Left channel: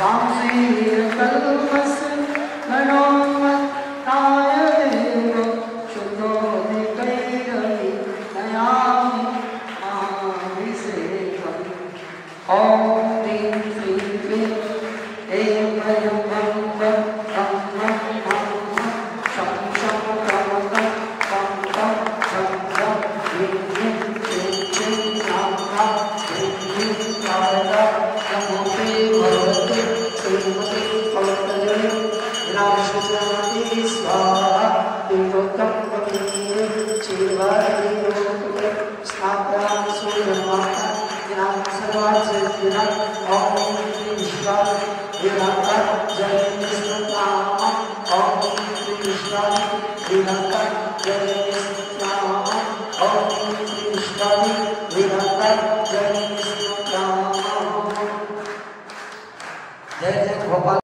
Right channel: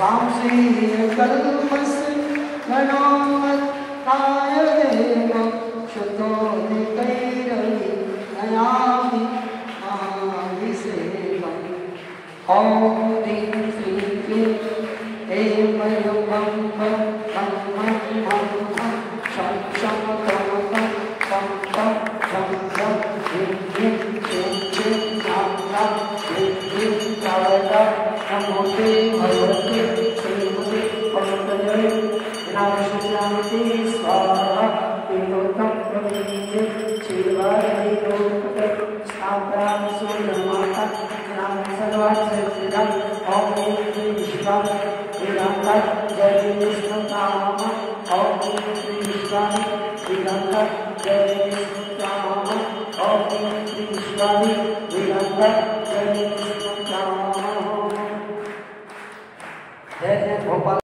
वांशीकल्पस मनोमत्तायदेव शुद्धो निकैरवि नयामि महाभिषेकम्। ॐ ह्रीं श्रीं क्लीं ऐं वयं वं वं तं वं वं वं शं शं तं तं पं पं झं झं ह्रीं ह्रीं क्लीं क्लीं ह्रां ह्रां ह्रीं ह्रीं शारदा नमोते भगवते श्रीमते पतये ग्रामशुद्धान्ति स्वाहा विलोकं कमनीये क्षीरवारे लोकके स्थापना सूर्यमाता ज्ञान सर्वाच्चेतना ॐ श्री विश्वाय विधाता जय विष्णुनाम ॐ श्री विश्वाय विधाता जय विष्णुनाम ॐ श्री विश्वाय विधाता जय विष्णुनाम। जय जय गोपाल।